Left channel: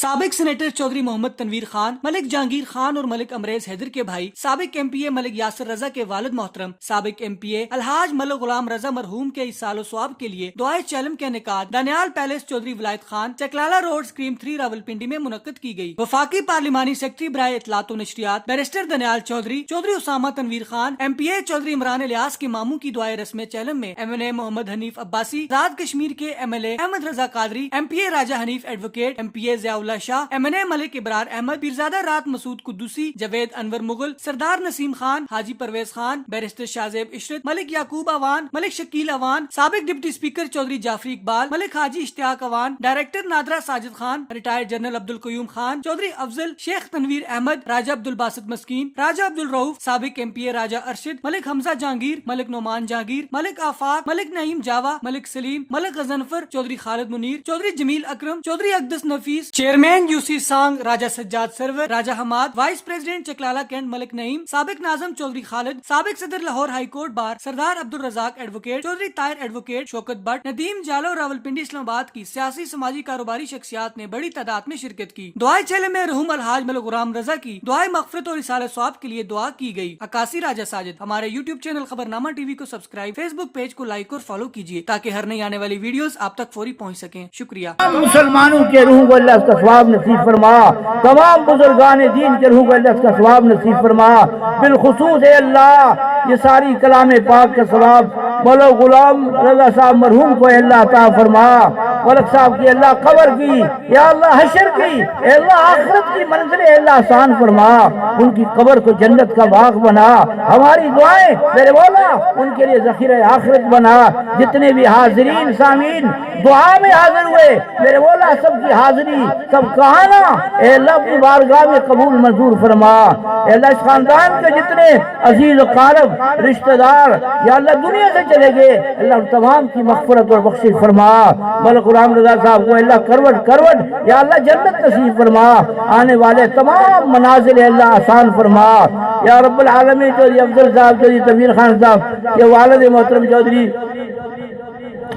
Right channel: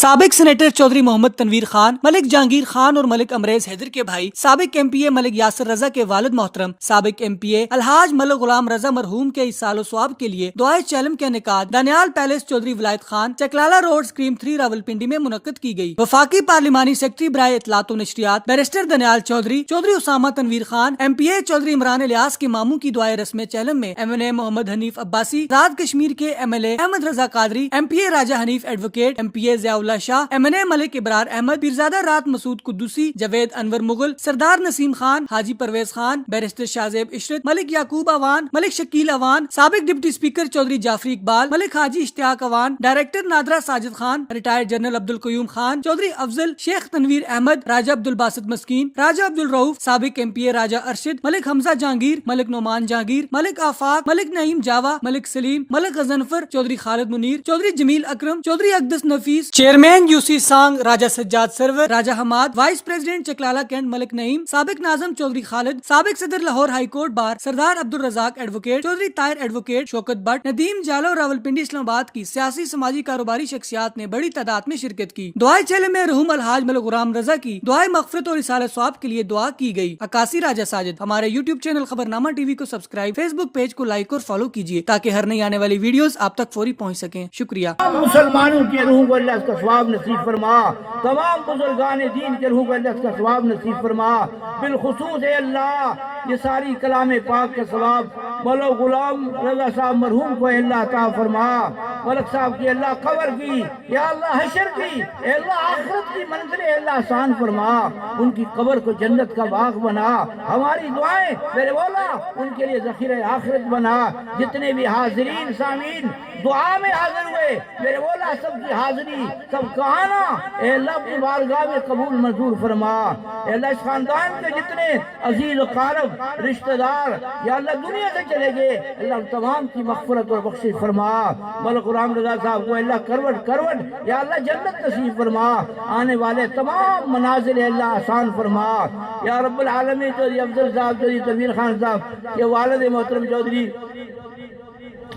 سابق سینیٹر چودھری محمد تنویر خان، ملک جہانگیر خان اور ملک امریز حیدر کے بھائی، سابق ایم پی اے ملک یاسر رضا کے والد محترم، سابق ایم پی اے الحاج ملک غلام رضا مرحوم کے اس سال و ثواب کے لیے دعائے چلم کے انعقاد دانیال پیلس چودھری ولایت خان، چکلالہ روڈ سکریم 3 راولپنڈی میں منعقد کی گئی۔ وفاقی پارلیمانی سیکرٹری برائے اطلاعات و نشریات barrister Daniyal Chaudhry, Chaudhry Usama Tanveer Khan, M P A Chaudhry Imran Ilyas کے ماموں کی دعائے رسم چلم میں M N A Muhammad Hanif Abbasi, Azad Kashmir کے M L A Ahmed Raza Qadri, M P A Raja Hanif advocate, M P A Ziaullah Shah, M N A Malik Abrar Ahmed, Pirzada رات مسعود قدوسی، جاوید انور مغل، سردار نسیم خان، حاجی پرویز خان، بیرسٹر شاہزیب عشرت، ملک یعقوب اوان، ملک شکیل اوان، سابق deputy speaker Chaudhry Jafri Iqbal, Malik Haji Ishtiaq Awan, director NADRA Sajid Khan, retired general Abdul Qayyum Khan, Chaudhry Afzal, Sheikh Tanveer Ahmed, Raja Abdul Basit Miskeen, Raja Abdul Rauf, سابق M P A Raja Arshad, Malik Hamza Jahangir, Malik Noman Jahangir, Malik Afaq, Malik Naeem Jawa, Malik Saleem, Malik Ghazanfar, Chaudhry Khalid Munir, Chaudhry Jameel Akram, Chaudhry Aqdas Nafees, chairman U C Sang Raja Sajjad Sarwar, Raja Hammad, vice president Chaklala cantt Malik Naeem, سابق ناظم چودھری خالد، سابق صدر Lahore high court bar Sardar Abdul Razzaq advocate, Chaudhry Tahir advocate, Shaukat Butt, Nadeem Jalu, Rawalpindi Islamabad کی سیاسی سماجی کاروباری شخصیات نے بڑی تعداد میں شرکت کی۔ دعائے چلم میں مرحوم الحاج ملک غلام رضا کی دعائے مغفرت اور اصالہ ثواب کے لیے دعا کی گئی۔ عکاسی راجہ ساجد۔ ہمارے یوٹیوب چینل خبرنامہ ٹی وی کو سبسکرائب، فیس بک پیج کو لائک اور فالو کیجیے تاکہ ہر نئی آنے والی ویڈیوز آپ تک فوری پہنچ سکیں۔ شکریہ۔ مسلمانوں کے روح کو اللہ کا ثواب نصیب فرما، تمام بزرگان دین کے روح کو اللہ کا ثواب نصیب فرما، بالخصوص اے اللہ یہ ساری کلام پاک کا ثواب ملک غلام رضا صاحب مرحوم کو اے اللہ عطا فرما، ملک صاحب کی اللہ قبر کی، یا اللہ حشر کی، اے اللہ آخرت کی منزل اے اللہ آسان فرما، ان کی قبر کو جنت کا باغ بنا، ہماری دعائیں میرے مولا ان کے لیے ذخیرہ آخرت بنا۔ جتنے بھی حاضرین سامعین دعا میں حاضر ہوئے میرے مولا سب کی حاضری سب کہانا اے اللہ اپنی بارگاہ میں قبول منظور فرما۔ اے اللہ اس خاندان کے جتنے عزیز و قارب رشتہ دار یا اللہ دنیا سے چلے گئے اللہ تمام کی مغفرت اور بخشش فرما۔ ملک غلام رضا صاحب کو اللہ کروٹ کروٹ یا اللہ جنت نصیب فرما، آنے والے تمام منازل اللہ آسان فرما یا رب العالمین۔ چودھری افضل صاحب، چودھری تنویر خان صاحب کے والد محترم چودھری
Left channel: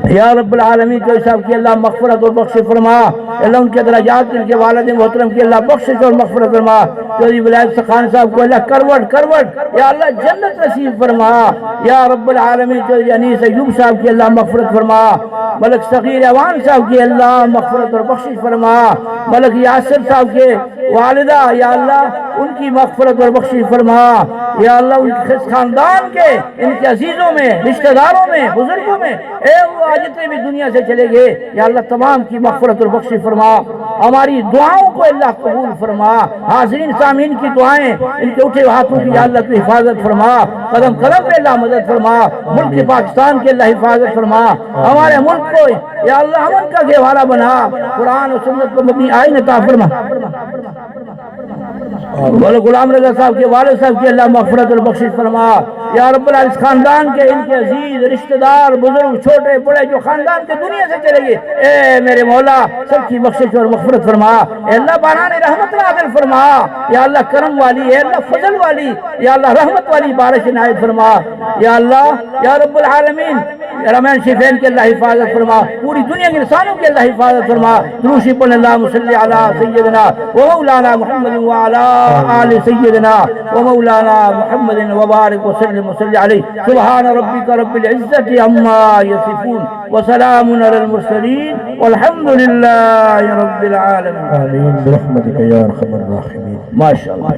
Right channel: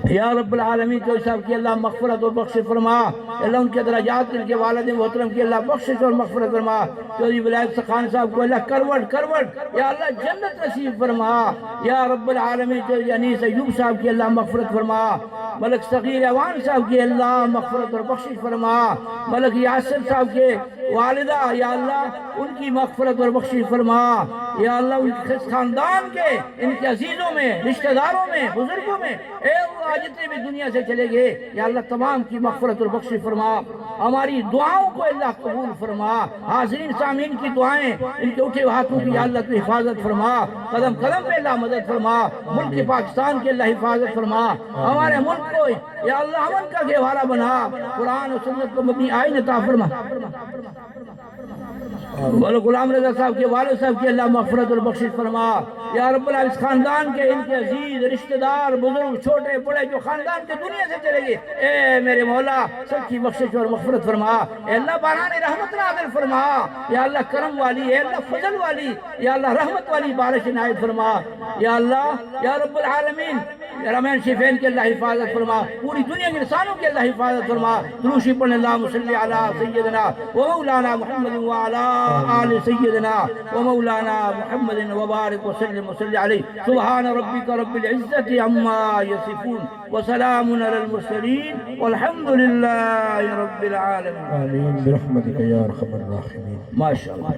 یا رب العالمین چودھری صاحب کی اللہ مغفرت اور بخشش فرما، اللہ ان کے درجات ان کے والد محترم کی اللہ بخشش اور مغفرت فرما۔ چودھری ولایت خان صاحب کو اللہ کروٹ کروٹ یا اللہ جنت نصیب فرما یا رب العالمین۔ چودھری انیس ایوب صاحب کی اللہ مغفرت فرما، ملک صغیر اوان صاحب کی اللہ مغفرت اور بخشش فرما، ملک یاسر صاحب کے والدہ یا اللہ ان کی مغفرت اور بخشش فرما یا اللہ ان کے خاندان کے ان کے عزیزوں میں رشتہ داروں میں بزرگوں میں اے اللہ جتنے بھی دنیا سے چلے گئے یا اللہ تمام کی مغفرت اور بخشش فرما، ہماری دعاؤں کو اللہ قبول فرما، حاضرین سامعین کی دعائیں ان کے اٹھے ہاتھوں کی یا اللہ تو حفاظت فرما، قدم قدم پہ اللہ مدد فرما، ملک پاکستان کے اللہ حفاظت فرما، ہمارے ملک کو یا اللہ امن کا گہوارہ بنا، قرآن و سنت کو مبنی آئین عطا فرما۔ ملک غلام رضا صاحب کے والد صاحب کی اللہ مغفرت اور بخشش فرما یا رب العالمین۔ خاندان کے ان کے عزیز رشتہ دار بزرگ چھوٹے بڑے جو خاندان کے دنیا سے چلے گئے اے میرے مولا سب کی بخشش اور مغفرت فرما، اے اللہ باران رحمت نازل فرما یا اللہ کرم والی، اے اللہ فضل والی یا اللہ رحمت والی بارش عنایت فرما یا اللہ یا رب العالمین۔ رحمان شفین کے اللہ حفاظت فرما، پوری دنیا کے انسانوں کے اللہ حفاظت فرما۔ دروشی پڑھنے اللہم صلی علی سیدنا و مولانا محمد وعلی آل سیدنا و مولانا محمد وبارک وسلم وصلی علیہ۔ سبحان ربک رب العزت عما یصفون وسلام علی المرسلین والحمد للہ رب العالمین۔ آمین برحمتک یا ارحم الراحمین۔ ماشاءاللہ۔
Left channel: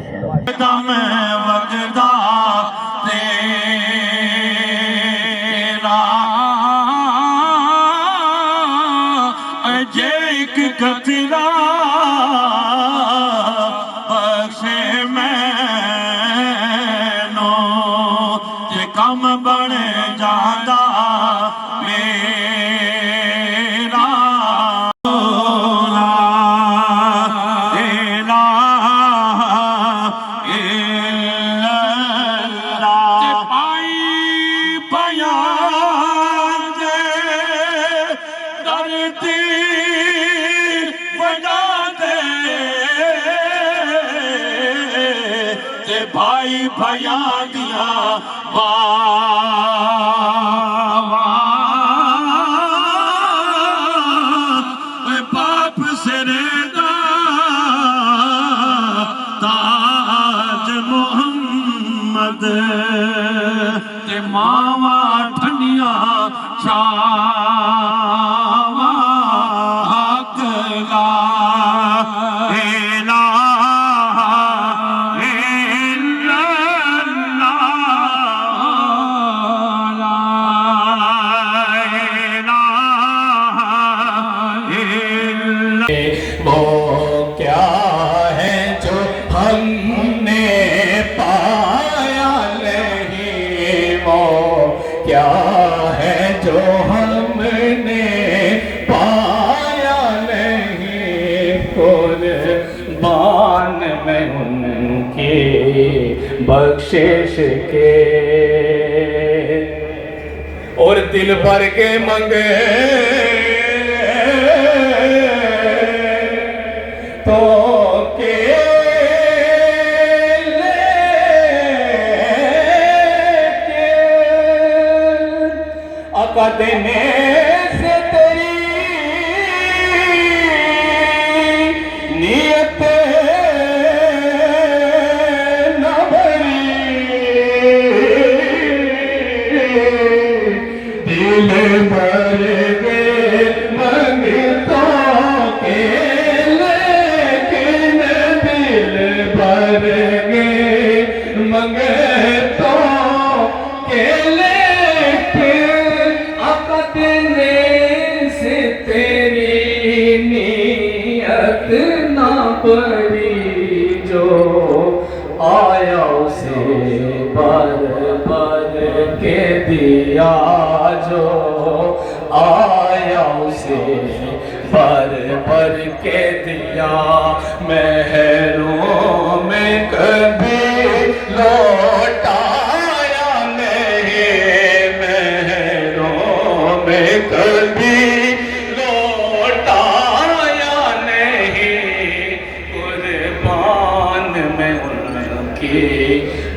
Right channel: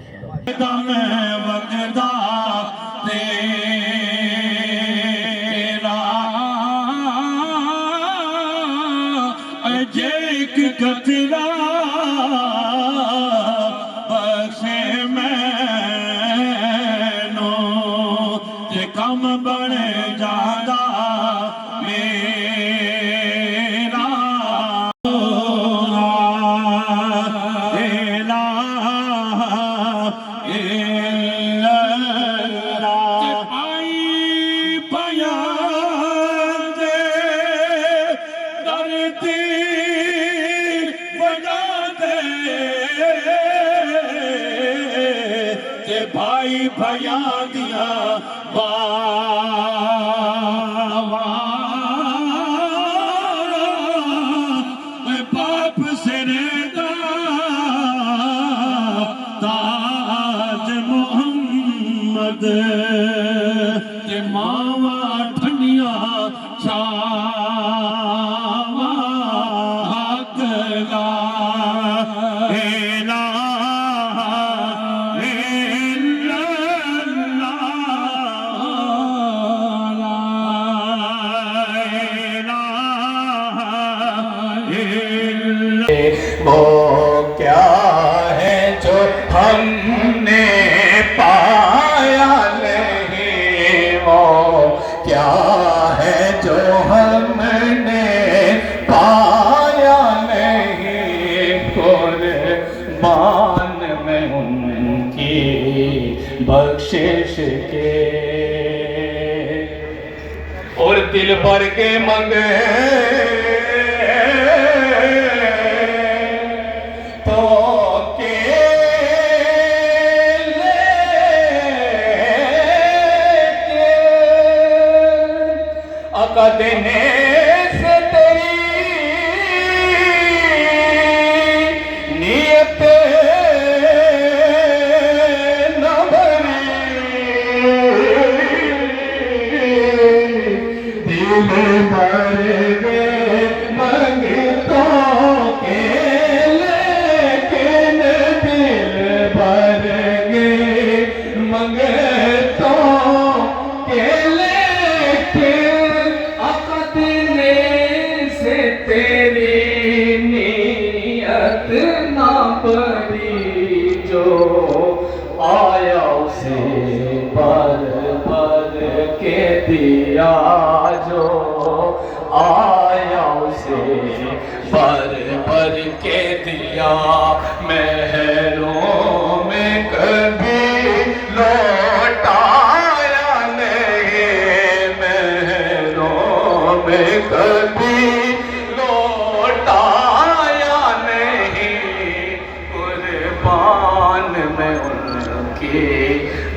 کم بڑے جادا میرا پائی پیا درتی بجا دے بھائی بھیا دیا باپ سے ریدا کیا ہے جو ہم نے پایا نہیں، وہ کیا ہے جو ہم نے پایا نہیں، قربان میں ان کی بخشش کے اور دل بھر کے منگے تو آقا دینے سے تیری نیت نہ بھری، دل بھر کے منگتوں کے لیکن دل بھر کے منگتوں کے لیکن دینے سے تیری نیت نہ بھری، جو آیا اسے بھر بھر کے دیا، جو آیا اسے بھر بھر کے دیا، محروم میں کبھی لوٹایا نہیں، میں کبھی لوٹایا نہیں، قربان میں ان کی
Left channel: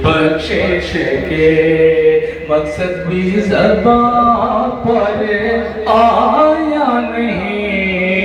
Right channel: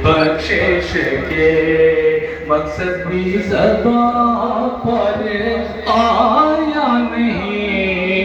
بخشش کے، مقصد بھی زبان پر آیا نہیں،